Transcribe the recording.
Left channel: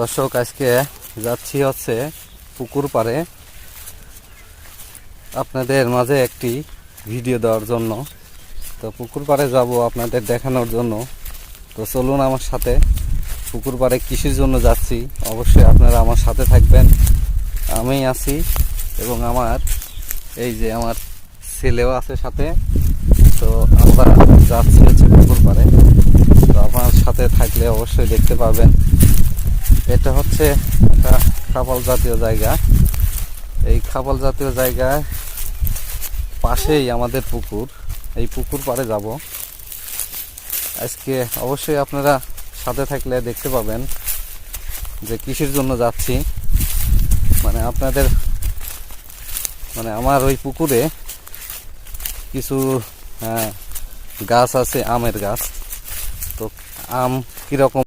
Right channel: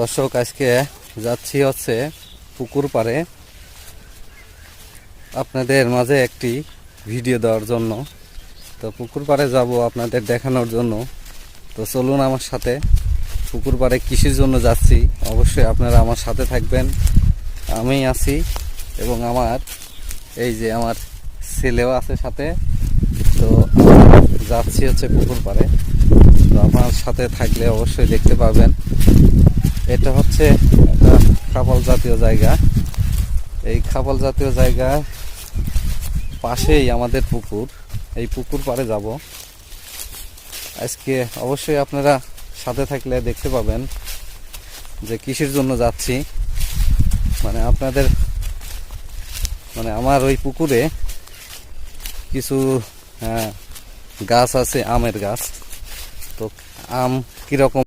দর্শক, আজকে যাচ্ছি হচ্ছে পুকুর পাড়ে আপনাদের মাঝে একটি ভিডিও দেওয়ার জন্য। তো পুকুর পাড়ে যাব আপনাদের দেখানোর জন্য। তো চলুন আমার সাথে। পুকুর পাড়ে কিসের জন্য যাচ্ছি অবশ্যই আপনারা আমার সাথে থাকবেন। আমি আছি এবং আমার এই যে আমার ছেলেও আছে সাথে। তো আমরা যাচ্ছি হচ্ছে পুকুর পাড়ে। তো আমার সাথে থাকলে অবশ্যই দেখতে পাবেন। এটা হচ্ছে একটা খাপাল জাতীয় জায়গা। এই খাপাল জাতীয় জায়গায় পাশেই আমাদের পুকুর। এই পুকুর পাড়ে যাব আজকে। অবশ্যই আপনারা সাথে থাকলে দেখতে পাবেন যে কিসের জন্য যাচ্ছি। আপনাদের আমার ওই পুকুরে কিছু গাছ আছে, আমের গাছ। তো আম কিরকম